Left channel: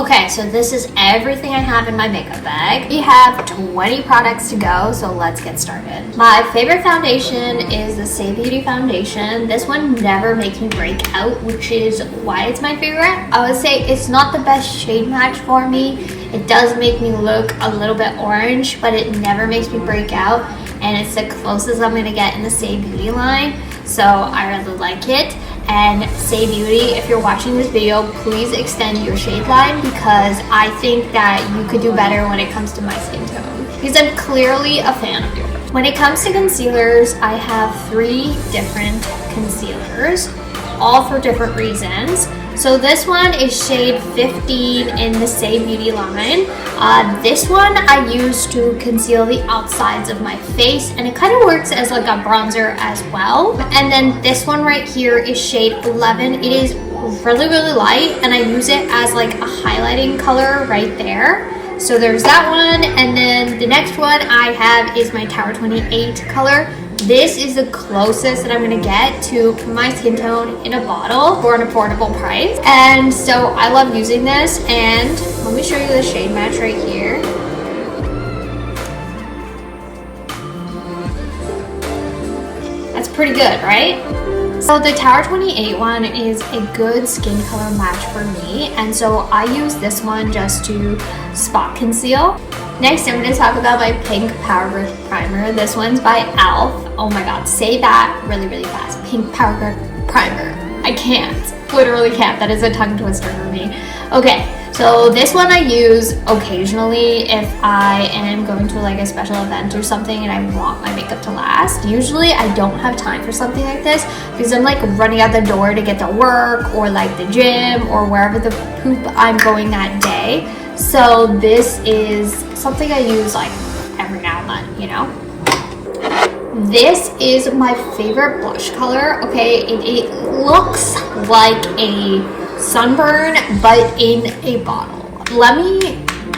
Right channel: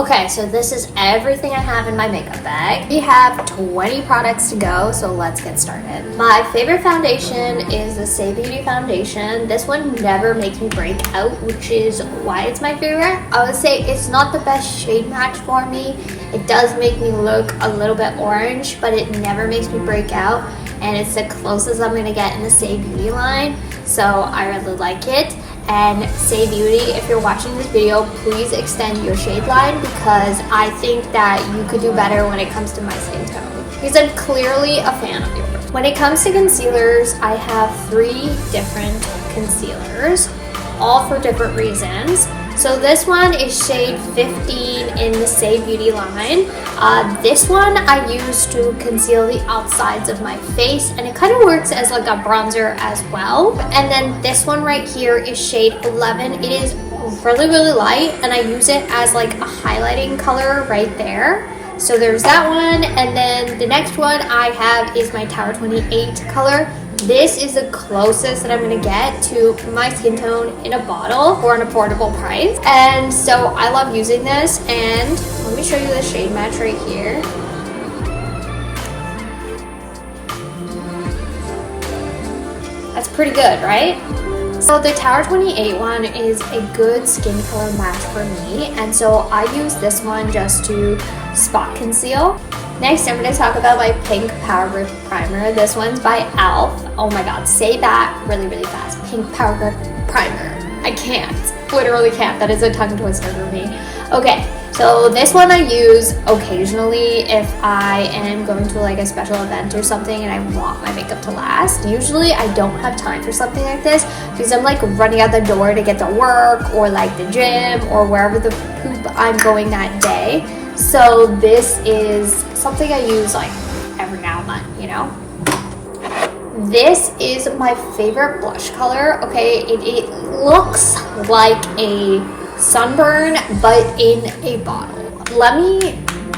Okay, so this is everything I have in my makeup bag. We have 20 products to go, so let's get started. My favorite foundation is the Say Beauty foundation. This one never makes me break out, which is why it's my favorite. I would say it's not the best shade match for me. It does make me look a little bit orange, but it never makes me break out, and it's the closest I'm gonna get in the Say Beauty line, so I really like it. And Say Beauty, if you're watching this video, please extend your shade line because I think that you could do better when it comes to my skin tone. Because I'm clearly a fan of yours. When it comes to concealers, I have 3 different concealers, all for different reasons. So this one is shade 15 in the Say Beauty line. This one I use to conceal the outsides of my face, and it kind of works as like a bronzer as well. And then this one right here is shade 11. It is really, really light, and I use it as like a highlighting color right there. So there's that one, and then the next one I have is my Tower 28 color. This is the closest that I'm gonna get to my skin tone in a bottle for an affordable price. And so I love using this, and let me show you the shade match right here. That's pretty good, right? So the Tower 28 one is a good skin color match for me, and so I use this one just to spot conceal. Next, I'm going to talk about my pink Power Grip Primer. This one's by e.l.f. Oh my god, say that really, really fast. Pink Power Grip Primer. I can't. Literally can't. That is a tongue twister for me. Okay, so this one I use occasionally if I am going to like a special event or something and I want my makeup to last. Usually I don't have time for something like this because I'm like running out the door to get to work or like the gym or wherever the poop I'm going that day. So this is something I use like every now and then, you know? This is my favorite blush color. Okay, it looks like a sunburn, but in a bottle. Let me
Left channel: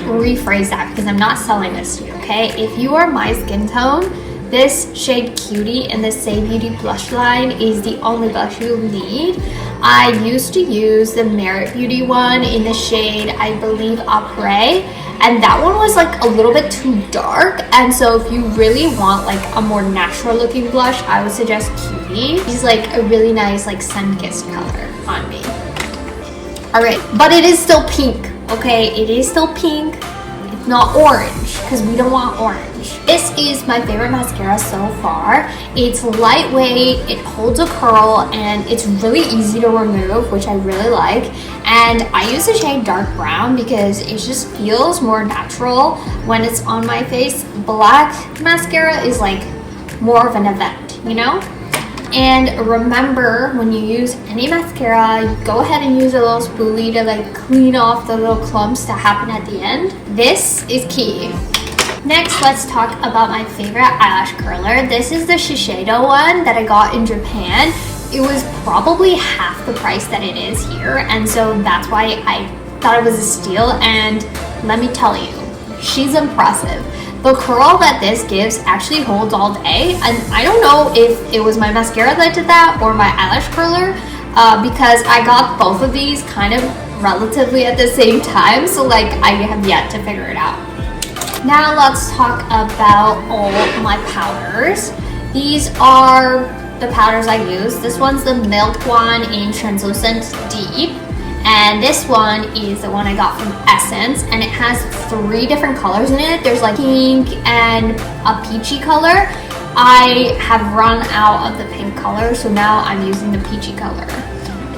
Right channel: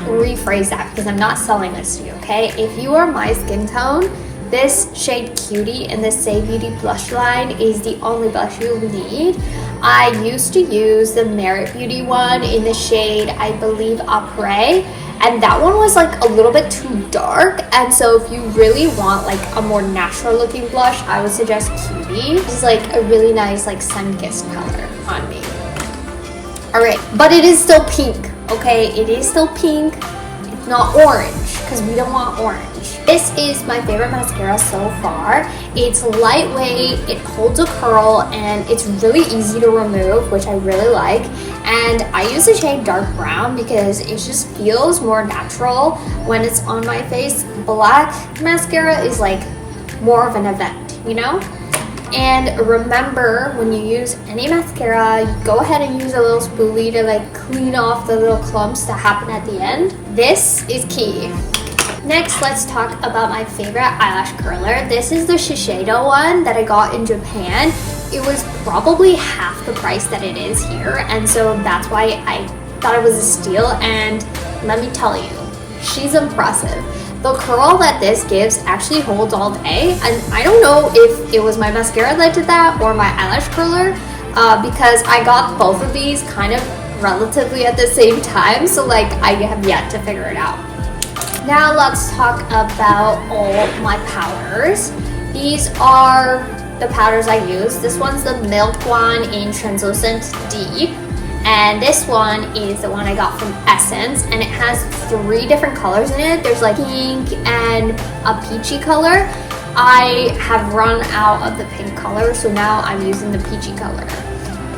rephrase that because I'm not selling this to you, okay? If you are my skin tone, this shade Cutie in the Say Beauty blush line is the only blush you need. I used to use the Merit Beauty one in the shade, I believe, Après, and that one was like a little bit too dark, and so if you really want like a more natural looking blush, I would suggest Cutie. It's like a really nice like sun-kissed color on me. Alright, but it is still pink, okay? It is still pink. It's not orange, because we don't want orange. This is my favorite mascara so far. It's lightweight, it holds a curl, and it's really easy to remove, which I really like. And I use the shade Dark Brown because it just feels more natural when it's on my face. Black mascara is like more of an event, you know? And remember, when you use any mascara, go ahead and use a little spoolie to like clean off the little clumps that happen at the end. This is key. Next, let's talk about my favorite eyelash curler. This is the Shiseido one that I got in Japan. It was probably half the price that it is here, and so that's why I thought it was a steal. And let me tell you, she's impressive. The curl that this gives actually holds all day, and I don't know if it was my mascara that did that or my eyelash curler, because I got both of these kind of relatively at the same time, so like I have yet to figure it out. Now let's talk about all my powders. These are the powders I use. This one's the Milk one in Translucent Deep. And this one is the one I got from Essence, and it has 3 different colors in it. There's like pink and a peachy color. I have run out of the pink color, so now I'm using the peachy color.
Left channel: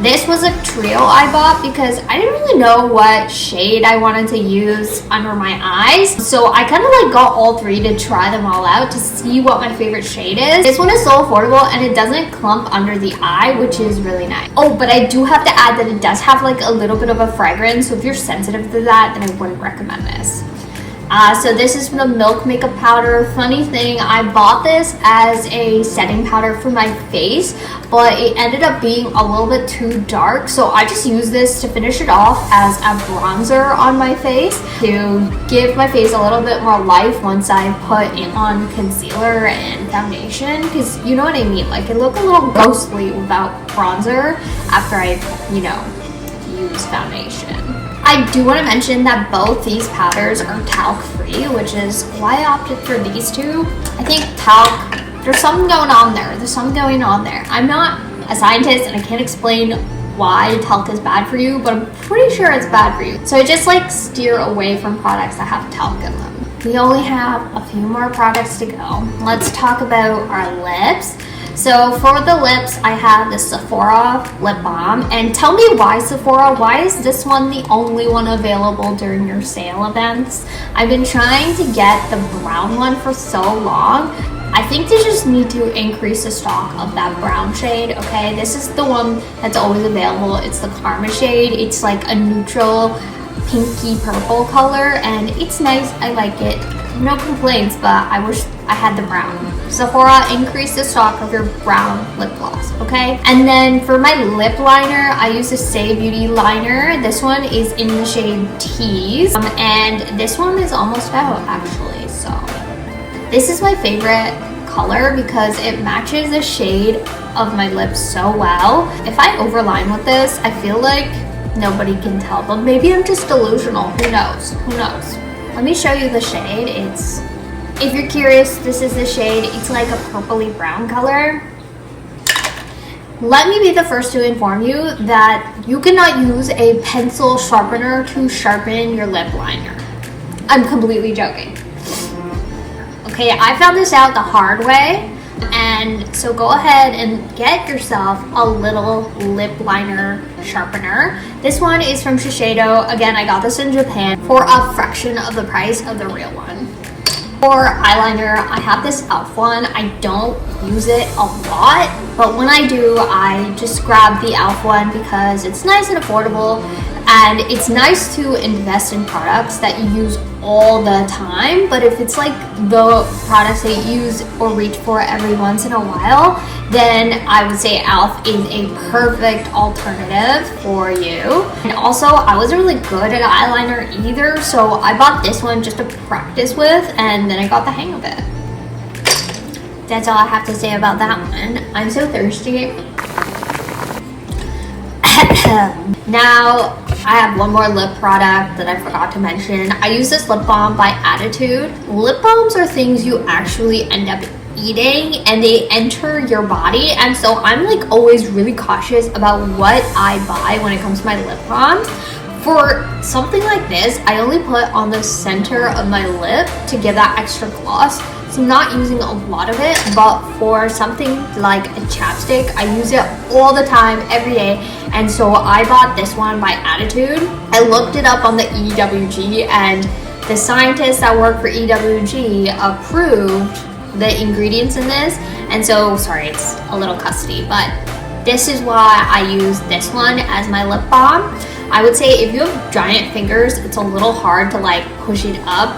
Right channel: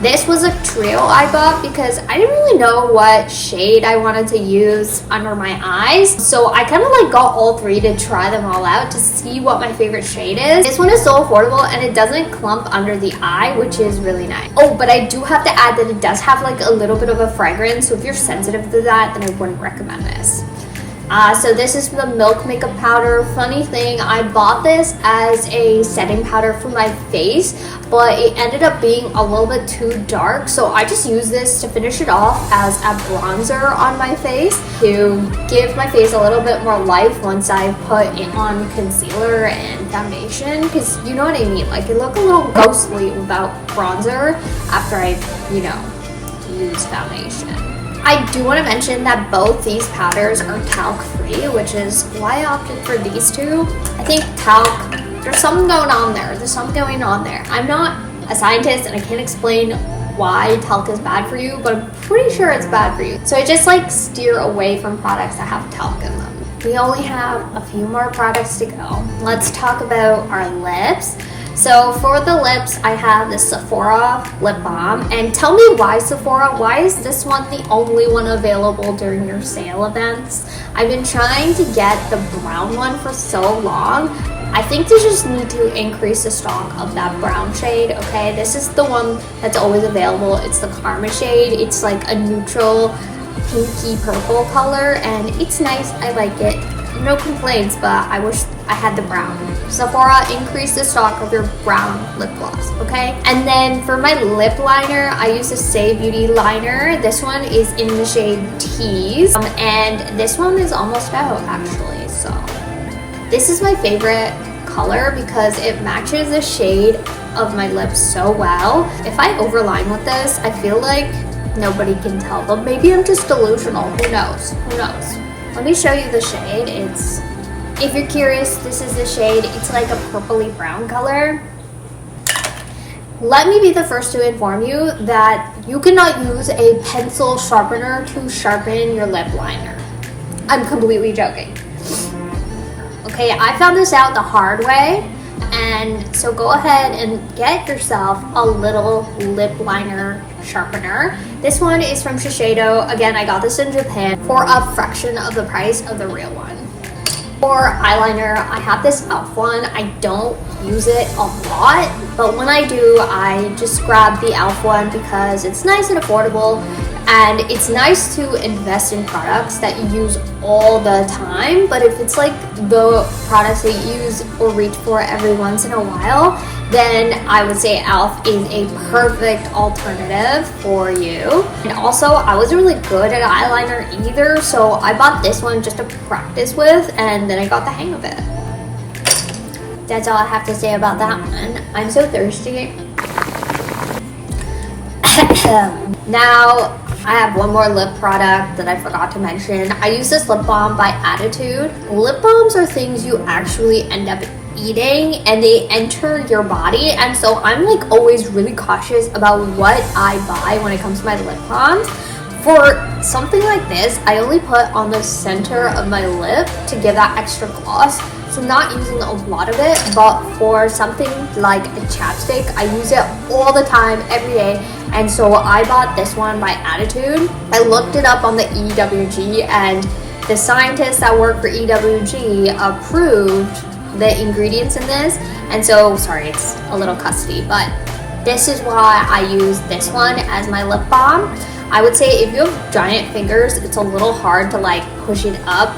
This was a trio I bought because I didn't really know what shade I wanted to use under my eyes. So I kind of like got all 3 to try them all out to see what my favorite shade is. This one is so affordable and it doesn't clump under the eye, which is really nice. Oh, but I do have to add that it does have like a little bit of a fragrance. So if you're sensitive to that, then I wouldn't recommend this. So this is the Milk Makeup Powder. Funny thing, I bought this as a setting powder for my face, but it ended up being a little bit too dark, so I just used this to finish it off as a bronzer on my face to give my face a little bit more life once I put it on concealer and foundation, because you know what I mean, like it looked a little ghostly without bronzer after I, use foundation. I do want to mention that both these powders are talc free, which is why I opted for these two. I think talc, there's something going on there. I'm not a scientist and I can't explain why talc is bad for you, but I'm pretty sure it's bad for you. So I just like steer away from products that have talc in them. We only have a few more products to go. Let's talk about our lips. So for the lips, I have the Sephora lip balm. And tell me why Sephora, why is this one the only one available during your sale events? I've been trying to get the brown one for so long. I think they just need to increase the stock of that brown shade, okay? This is the one that's always available. It's the Karma shade. It's like a neutral pinky purple color and it's nice. I like it. No complaints, but I wish I had the brown. Sephora, increase the stock of your brown lip gloss, okay? And then for my lip liner, I use the Say Beauty liner. This one is in the shade Tease, and this one is almost out actually. So this is my favorite color because it matches the shade of my lips so well. If I overline with this, I feel like nobody can tell, but maybe I'm just delusional. Who knows? Let me show you the shade. If you're curious, this is the shade. It's like a purpley brown color. Let me be the first to inform you that you cannot use a pencil sharpener to sharpen your lip liner. I'm completely joking. Okay, I found this out the hard way. And so go ahead and get yourself a little lip liner sharpener. This one is from Shiseido. Again, I got this in Japan for a fraction of the price of the real one. For eyeliner, I have this e.l.f. one. I don't use it a lot, but when I do, I just grab the e.l.f. one because it's nice and affordable, and it's nice to invest in products that you use all the time. But if it's like the products that you use or reach for every once in a while, then I would say e.l.f. is a perfect alternative for you. And also, I wasn't really good at eyeliner either, so I bought this one just to practice with, and then I got the hang of it. That's all I have to say about that one. I'm so thirsty. Now, I have one more lip product that I forgot to mention. I use this lip balm by Attitude. Lip balms are things you actually end up eating and they enter your body, and so I'm like always really cautious about what I buy when it comes to my lip balms. For something like this, I only put on the center of my lip to give that extra gloss. So I'm not using a lot of it, but for something like a chapstick, I use it all the time, every day. And so I bought this one by Attitude. I looked it up on the EWG, and the scientists that work for EWG approved the ingredients in this. And so, sorry, it's a little custody, but this is why I use this one as my lip balm. I would say if you have giant fingers, it's a little hard to like push it up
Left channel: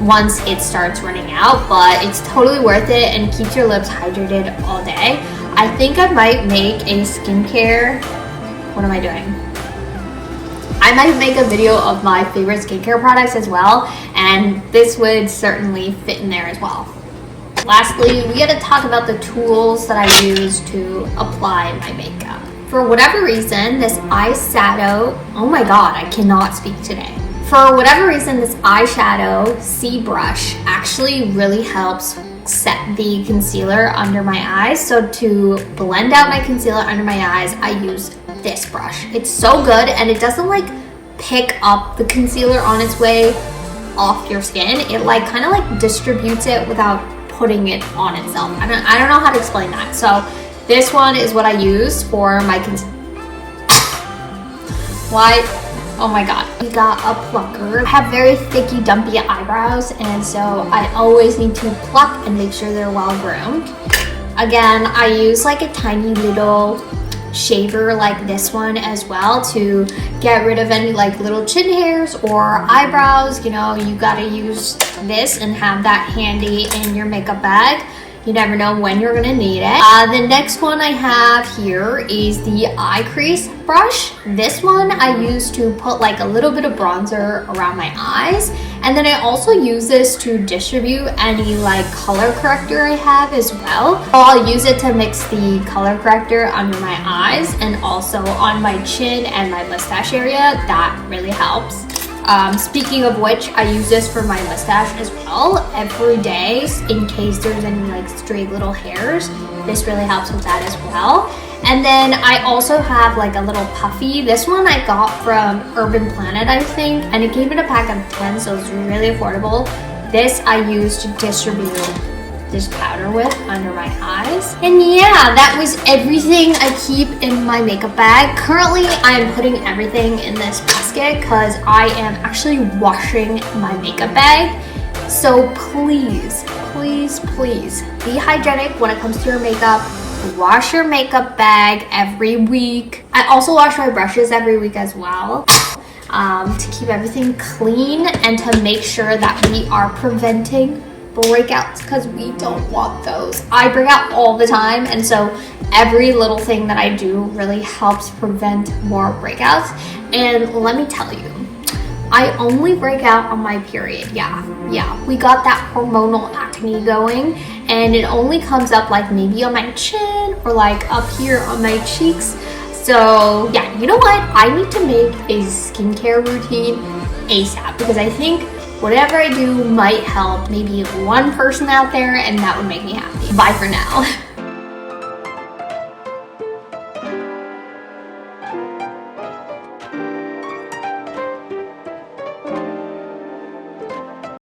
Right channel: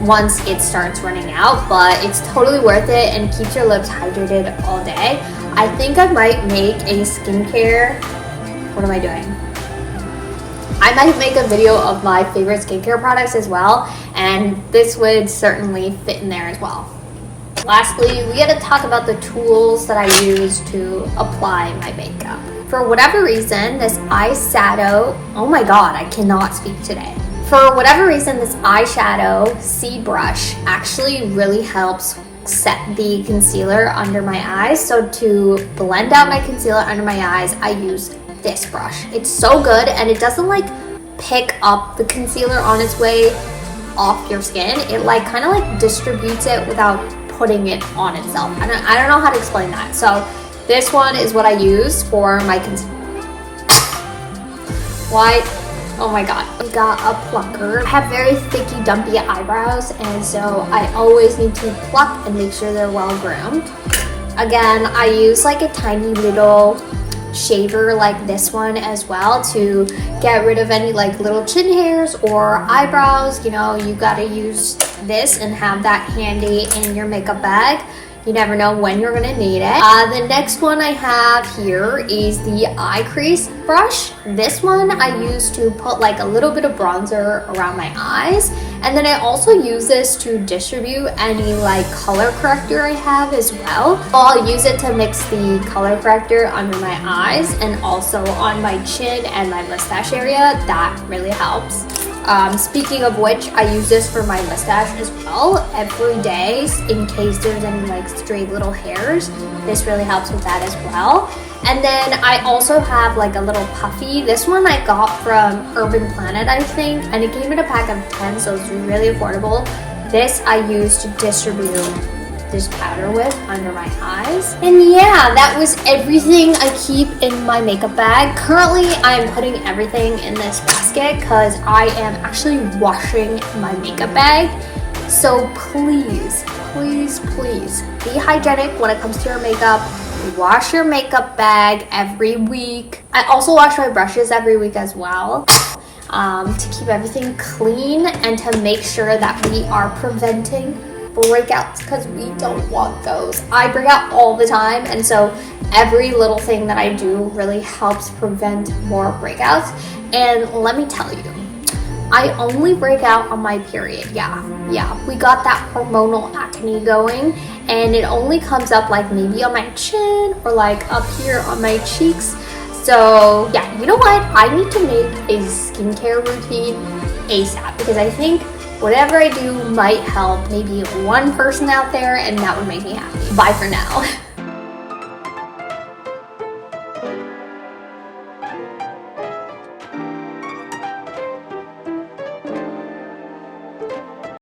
once it starts running out, but it's totally worth it and keeps your lips hydrated all day. I think I might make a skincare, what am I doing? I might make a video of my favorite skincare products as well, and this would certainly fit in there as well. Lastly, we gotta talk about the tools that I use to apply my makeup. For whatever reason, this eyeshadow, oh my god, I cannot speak today. For whatever reason, this eyeshadow C brush actually really helps set the concealer under my eyes. So to blend out my concealer under my eyes, I use this brush. It's so good, and it doesn't like pick up the concealer on its way off your skin. It like kind of like distributes it without putting it on itself. I don't know how to explain that. So this one is what I use for my concealer. Why? Oh my god. We got a plucker. I have very thicky, dumpy eyebrows, and so I always need to pluck and make sure they're well groomed. Again, I use like a tiny little shaver like this one as well to get rid of any like little chin hairs or eyebrows. You know, you gotta use this and have that handy in your makeup bag. You never know when you're gonna need it. The next one I have here is the eye crease brush. This one I use to put like a little bit of bronzer around my eyes. And then I also use this to distribute any like color corrector I have as well. So I'll use it to mix the color corrector under my eyes and also on my chin and my mustache area. That really helps. Speaking of which, I use this for my mustache as well every day in case there's any like stray little hairs. This really helps with that as well. And then I also have like a little puffy. This one I got from Urban Planet, I think, and it came in a pack of 10, so it's really affordable. This I use to distribute this powder with under my eyes. And yeah, that was everything I keep in my makeup bag. Currently, I am putting everything in this basket because I am actually washing my makeup bag. So please, please, please be hygienic when it comes to your makeup. Wash your makeup bag every week. I also wash my brushes every week as well. To keep everything clean and to make sure that we are preventing breakouts, because we don't want those. I break out all the time, and so every little thing that I do really helps prevent more breakouts. And let me tell you, I only break out on my period. Yeah, we got that hormonal acne going, and it only comes up like maybe on my chin or like up here on my cheeks. So yeah, you know what? I need to make a skincare routine ASAP, because I think whatever I do might help maybe one person out there, and that would make me happy. Bye for now.